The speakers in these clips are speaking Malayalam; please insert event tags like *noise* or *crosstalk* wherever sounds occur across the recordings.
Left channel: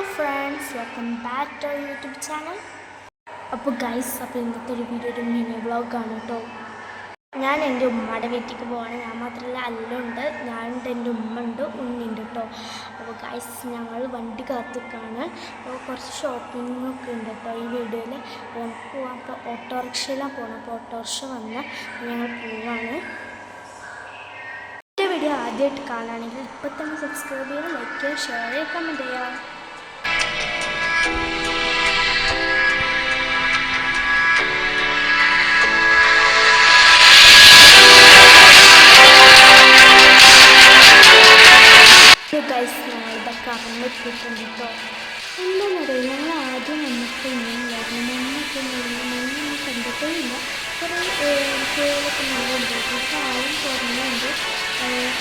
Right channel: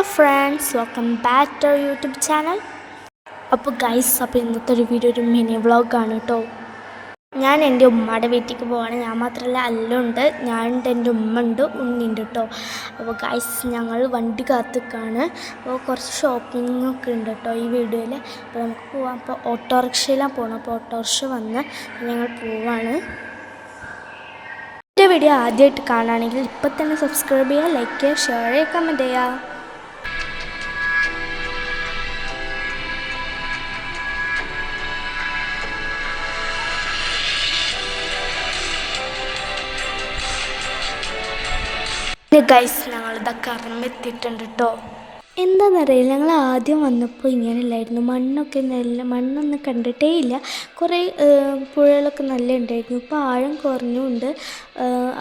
Hello friends welcome back to YouTube channel അപ്പോൾ ഗൈസ് അപ്പോൾ ഇന്നത്തെ ഒരു വീഡിയോ ഒരു മിനി വ്ളോഗാണ് കേട്ടോ ഞാൻ എന്റെ ഉമ്മയുടെ വീട്ടിലേക്ക് പോവാണ്. ഞാൻ മാത്രമല്ല അല്ലുണ്ട് ഞാനുണ്ട് എന്റെ ഉമ്മ ഉണ്ട് ഉണ്ണിയുണ്ട് കേട്ടോ അപ്പോൾ ഗൈസ് ഞങ്ങൾ വണ്ടി കാത്തിക്കാണ്. അപ്പോൾ കുറച്ച് ഷോപ്പിംഗ് ഒക്കെ ഉണ്ട് കേട്ടോ ഈ വീഡിയോയിൽ അപ്പോൾ നമുക്ക് പോവാം. അപ്പോൾ ഓട്ടോറിക്ഷയിലാണ് പോകണം അപ്പോൾ ഓട്ടോറിക്ഷ വന്ന് ഞങ്ങൾ പോവാണ്. വീഡിയോ ആദ്യമായിട്ട് കാണുകയാണെങ്കിൽ ഇപ്പം തന്നെ സബ്സ്ക്രൈബ് ചെയ്യുക ലൈക്ക് ചെയ്യുക ഷെയർ ചെയ്യുക കമന്റ് ചെയ്യുക. ഗൈസ് ഞങ്ങളുടെ കറന്നെത്തിയിട്ടുണ്ട് കേട്ടോ എന്താണെന്നറിയാം ഞങ്ങൾ ആദ്യം വന്നപ്പോൾ ഇങ്ങനെയല്ലായിരുന്നു മണ്ണൊക്കെ നല്ല മണ്ണൊന്നും കണ്ടിട്ടേ ഇല്ല. കുറേ കുഴികളൊക്കെ നല്ല ഉണ്ടായിരുന്നു. ഇപ്പോൾ ആഴം കുറഞ്ഞുകൊണ്ട്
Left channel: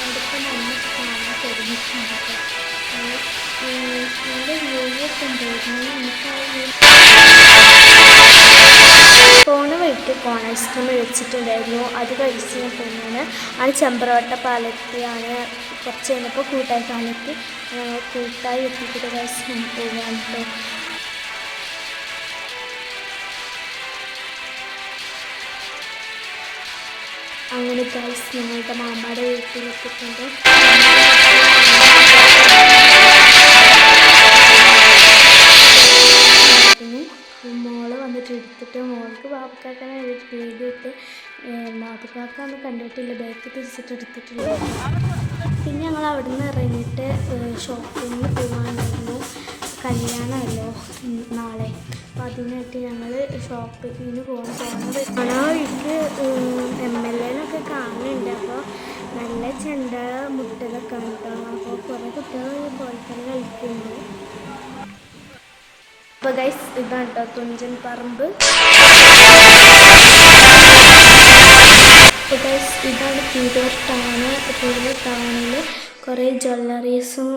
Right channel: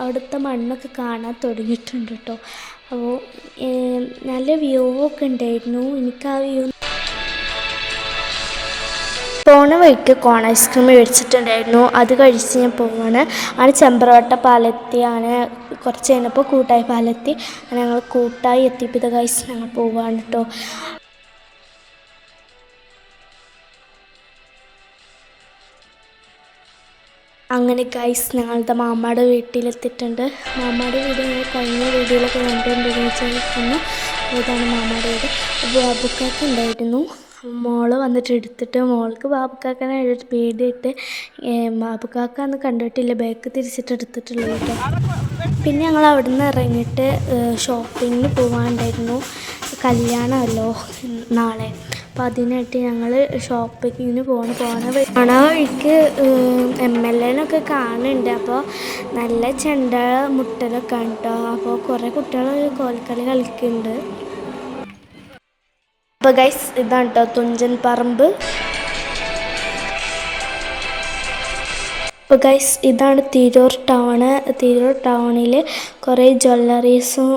അവിടുത്തെ മണ്ണൊക്കെ കാണാൻ തുടങ്ങിയിട്ടുണ്ട് കേട്ടോ നല്ല വ്യൂ ഒക്കെ ഉണ്ടായിരുന്നു. എനിക്ക് വഴിക്ക് കോൺ ഐസ്ക്രീം മേടിച്ചിട്ടുണ്ടായിരുന്നു. അത് കഴിച്ച് ഞാൻ പോവാണ് ആണ് ചെമ്പ്രവട്ട പാലത്തിയാണ് കുറച്ച് കഴിഞ്ഞപ്പോൾ കൂട്ടായി പാലത്തി. ഞങ്ങൾ കൂട്ടായി എത്തിയിട്ട് കഴിച്ച് ഞങ്ങൾ പോവാണ് കേട്ടോ അങ്ങനെ ഗൈസ് ഞങ്ങളുടെ മാമ്മയുടെ വീട്ടിലെത്തിയിട്ടുണ്ട്. മാമ്മയുടെ മോൾ വന്നിട്ട് എടുത്തിട്ട് മോൾക്ക് ബാബുക്കാക്കനെ പേടിയിട്ട് ബാബുക്കാക്ക അന്ന് കണ്ടിട്ടില്ല ബാക്ക് തിരിച്ചിട്ട് എടുത്തിട്ടുള്ളത് കേട്ടോ. പിന്നെ ഞങ്ങൾ അവിടെ നിന്ന് ഇറങ്ങിയിട്ട് ഷോപ്പിങ്ങിന് പോകാനുണ്ടായിരുന്നു കല്യാണമല്ലോ നാളെ. അപ്പോൾ അതിനായിട്ട് ഞങ്ങൾ ഷോപ്പിങ്ങിന് പോകണം പോകണ പോണ വഴിക്ക് എം എൽ എനൊക്കെ കാണുന്നുണ്ട്. അപ്പോൾ നല്ല ചെണ്ട മുട്ടലൊക്കെ കേട്ടോ അപ്പോൾ കുറേ കുട്ടികൾ കോൽക്കളി കളിക്കുന്നുണ്ട് അപ്പോൾ ഗൈസ് ഇതാണ് കേട്ടോ തുഞ്ചൻ പറമ്പ്. അപ്പോൾ ഗൈസ് ഇതാണ് തിരൂർ ടൗണ്. തിരൂർ ടൗണിൽ കുറേ ജ്വല്ലറീസും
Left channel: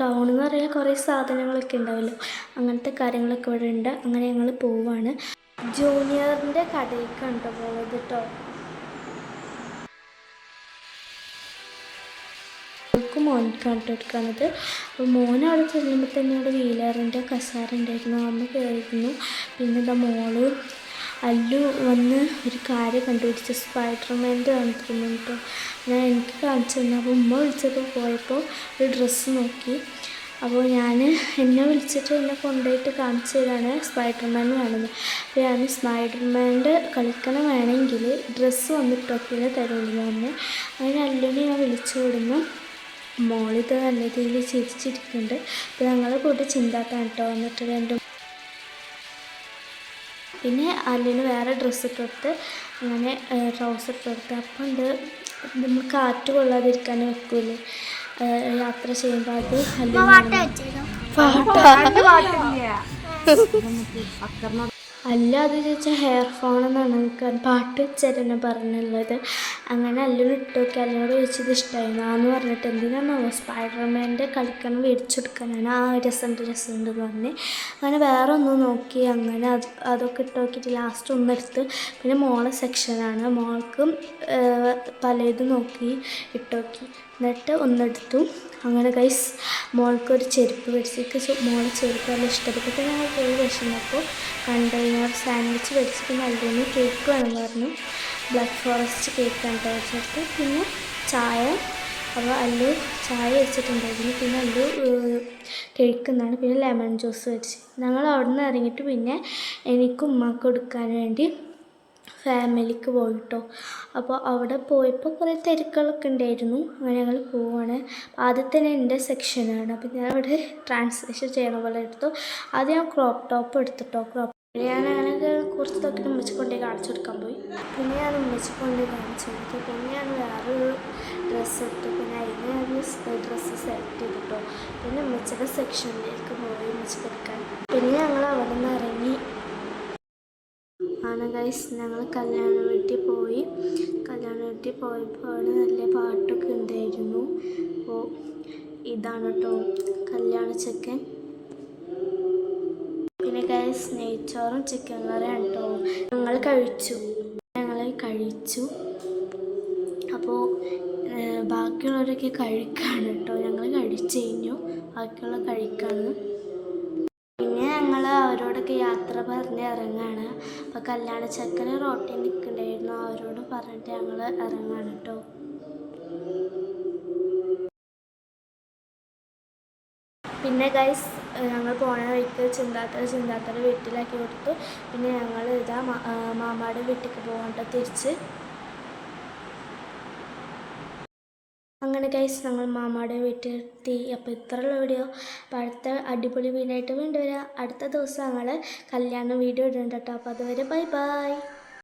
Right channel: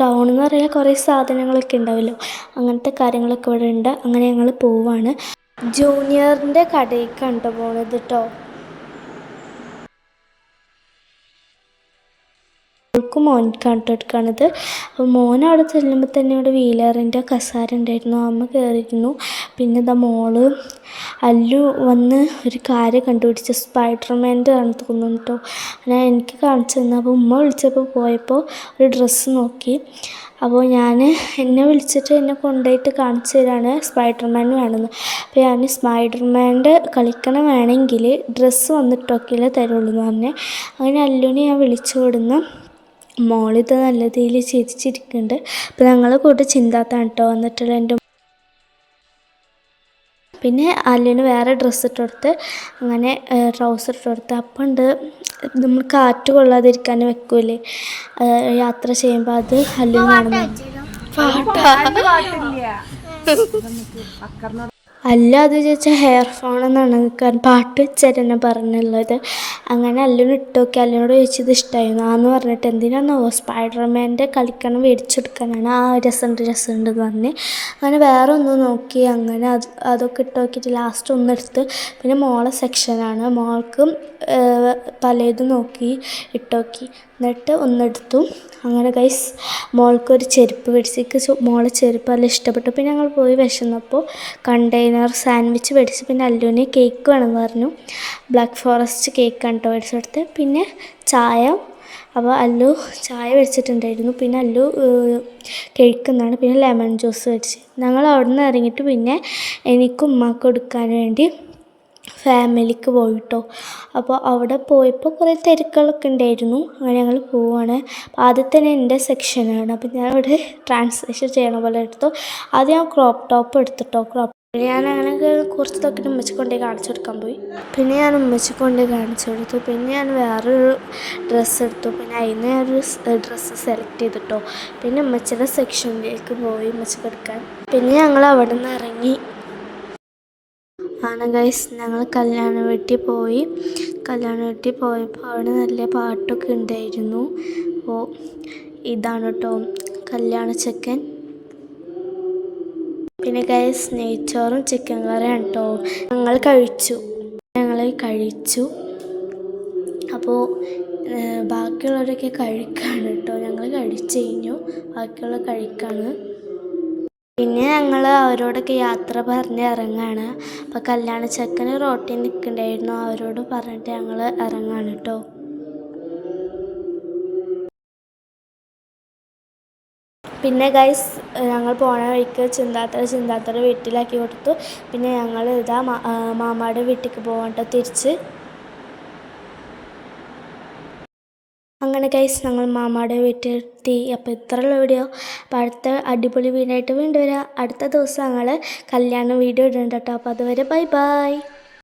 ടൗൺ എന്ന് പറയുക കുറേ സാധനങ്ങളൊക്കെ ഉണ്ടാവുമല്ലോ അങ്ങനത്തെ കാര്യങ്ങളൊക്കെ ഇവിടെ ഉണ്ട് അങ്ങനെ ഞങ്ങൾ പോവാണ്. ജൂനിയറിന്റെ കടയിലേക്കാണ് കേട്ടോ പോണത് കേട്ടോ മോൾക്കും മോനിക്കാണ് കേട്ടോ എടുക്കണത് അപ്പോൾ മോൻ അവിടെ ചെല്ലുമ്പോൾ തന്നെ അവിടെ വീലറിന്റെ കസാര ഉണ്ടായിരുന്നു. അമ്മ കയറിയിരുന്നു പിന്നെ ഇതാ മോൾ അല്ലു വന്ന് ഒരു കാര്യം കണ്ടുപിടിച്ച്. സ്പൈഡർമാന്റെ ആണ് കേട്ടോ. ഞാൻ എനിക്ക് കാണിച്ചു തന്നു. അപ്പോൾ ഉമ്മ വിളിച്ചപ്പോൾ പോയപ്പോൾ ഒരു ഡ്രസ്സ് നോക്കി. അപ്പോൾ ഞാൻ എന്നെ വിളിച്ചിട്ട് എന്നെ കൊണ്ടുപോയിട്ട് കാണിച്ചു തരാണ്. സ്പൈഡർമാൻ വേണമെന്ന്. അപ്പോൾ ഞാൻ സ്പൈഡർമാന്റെ കളിക്കണം വേണമെങ്കിൽ ഡ്രസ്സ് വന്നിട്ടൊക്കെയല്ലേ തരുള്ളൂ. പറഞ്ഞ് അങ്ങനെ അല്ലുവിനെ ഞാൻ വിളിച്ചു വിടുന്നു. മോളിത് നല്ല രീതിയിൽ ചിരിച്ചിരിക്കുന്നുണ്ട് അപ്പോൾ ഞങ്ങളെ കൂട്ട് ചിന്താത്താണ് കേട്ടോ വന്നിട്ടുള്ള എന്റെ പിന്നെ അല്ലിന് വേറെ ഡ്രസ്സ് ഇട്ട് കൊടുത്ത് അങ്ങനെ ട്രൗസർ ഇട്ട് കൊടുത്ത് അപ്പം ഉണ്ട് നമ്മൾ കാറ്റ് കൊള്ളാതിരിക്കാൻ വെക്കൂലേ. യാത്ര ചെയ്യുമ്പോൾ അത് അല്ലിനാണ് *laughs* അല്ല അത് ചോദിച്ചാൽ ഹെയർ ഫോൺ എന്നാണ് കാരണം പാട്ട് എന്നെ പറഞ്ഞുള്ളത്. അങ്ങനെ അല്ലൂന് ഇട്ട് നോക്കി അല്ലിനോട് ചോദിച്ചത് ഇഷ്ടമായി എന്ന് പറഞ്ഞിട്ട് എന്തിനാണോ സ്പൈഡർമാന്റെ കളിക്കണം മേടിച്ചെടുക്കാനാണ് ആ രസമുണ്ട് രസമുണ്ട് എന്ന് പറഞ്ഞ്. അങ്ങനെ വേറെ ഒന്ന് നോക്കി അങ്ങനെ അത് അതൊക്കെ ഇട്ട് നോക്കിയിട്ട് ലാസ്റ്റ് ഒന്നെടുത്ത് പിന്നെ മോളെ സെക്ഷനാണ് മോൾക്കും പലതും നോക്കി ഇട്ടോക്കി എന്നിട്ട് ഒന്നെടുത്തു അങ്ങനെ ഗൈസ് മോൾക്കൊരു ചെരുപ്പ് മേടിച്ചിട്ട് മോളെ ചെരുപ്പ് നല്ല ഇഷ്ടപ്പെട്ടു. പിന്നെ ഞങ്ങൾ പോയി വിശന്നപ്പോൾ കണ്ടെയ്നർ സാൻഡ്വിച്ച് പിടിച്ച് പിന്നെ അല്ലുവിന് കേക്ക് വേണമെന്ന് പറഞ്ഞു. ബ്ലാക്ക് ഫോറസ്റ്റ് കേക്ക് കണ്ടോ മേടിച്ചെടുത്ത് പിന്നെ ചായ. അപ്പോൾ അല്ലു ചായ വെച്ചിട്ടുണ്ടായിരുന്നു. പിന്നെ അല്ലു കഴിക്കുന്നതാണ്. പിന്നെ ലെമൺ ജ്യൂസ് വെച്ച് ഞങ്ങൾ അവിടെ നിന്ന് ഇറങ്ങിയിട്ട് പിന്നെ എനിക്കും ഉമ്മാക്ക് കൊടുക്കാൻ വേണ്ടി ഫാമിലിക്ക് പോയിട്ടോ. അപ്പോൾ അവിടെ പോയപ്പോൾ കുറേ തിരക്കുകളൊക്കെ ഉണ്ടായിരുന്നു. അങ്ങനെ ഞങ്ങൾ പോവുകയാണ് ആദ്യം തന്നെ എന്റെ സെക്ഷനാണ് അപ്പോൾ ഞാൻ അവിടെ ട്രാൻസ്ലേഷൻ ചെയ്യണ പോലെ എടുത്തു. ആദ്യം ഞാൻ ക്രോപ്പ് ടോപ്പ് എടുത്തിട്ടോ. ക്രോപ്പ് ഞാൻ അങ്ങനെ കുറച്ച് തൊക്കെ ഉമ്മച്ചി കൊണ്ടുപോയി കാണിച്ചു കൊടുക്കാൻ പോയി. പിന്നെ ഞാൻ ഉമ്മച്ചി കൊണ്ടുപോയി കാണിച്ചു കൊടുത്തു. പിന്നെ ഞാൻ വേറൊരു ഡ്രസ്സ് എടുത്തു. പിന്നെ അതിന് ഞാനൊരു ഡ്രസ്സ് സെലക്ട് ചെയ്തിട്ടോ. പിന്നെ ഉമ്മച്ചിയുടെ സെക്ഷനിലേക്ക് പോയി ഉമ്മച്ചിക്ക് എടുക്കാൻ. പിന്നെ ഞങ്ങൾ അവിടെ നിന്ന് ഇറങ്ങി. ആണ് ഗൈസ് ഞങ്ങൾ കല്യാണ വീട്ടിൽ പോയി. കല്യാണ വീട്ടിൽ പോയപ്പോൾ അവിടെ നല്ല പാട്ടൊക്കെ ഉണ്ടായിരുന്നു. അപ്പോൾ ഇതാണ് കേട്ടോ കല്യാണ ചെക്കൻ പിന്നെ ഗൈസ് നെയ്ച്ചോറും ചിക്കൻ കറിയാണ് കേട്ടോ ഞങ്ങൾ കഴിച്ചു. ഞങ്ങൾ കഴിച്ചു. അപ്പോൾ ബാക്കിയുള്ളവരൊക്കെ കഴിക്കാണ് കേട്ടോ ഞങ്ങൾ കഴിച്ചു കഴിഞ്ഞു. ബാക്കിയുള്ള കഴിക്കാണ്. ഞങ്ങൾ അവരോടൊക്കെ യാത്ര പറഞ്ഞ് ഇറങ്ങാണ്. അപ്പോൾ കല്യാണ ചെക്കന് റോട്ടിൽ നിൽക്കണ്ടായിരുന്നു. അവരോട് പറഞ്ഞിട്ട് ഞങ്ങൾ ഇറങ്ങാണ് കേട്ടോ പിന്നെ ഗൈസ് ഞങ്ങൾ പോണ വഴിക്ക് ചിന്താത്തറ ചിന്താത്തറ വീട്ടിലാക്കി കൊടുത്തു പിന്നെ ഞങ്ങൾ ഇതാ മാമാടെ വീട്ടിലേക്ക് പോകണ്ട തിരിച്ച്. അങ്ങനെ ഗൈസ് ഞങ്ങൾ മാമാടെ വീട്ടിലെത്തി. അപ്പോൾ ഇത്രയുള്ള വീഡിയോ അപ്പോൾ അടുത്ത അടിപൊളി വീഡിയോ ആയിട്ട് വീണ്ടും വരാം. അടുത്ത ദിവസം ഞങ്ങൾ കല്യാണ വീഡിയോ ഇടുന്നുണ്ട് കേട്ടോ. അപ്പോൾ അതുവരെ ബൈ ബൈ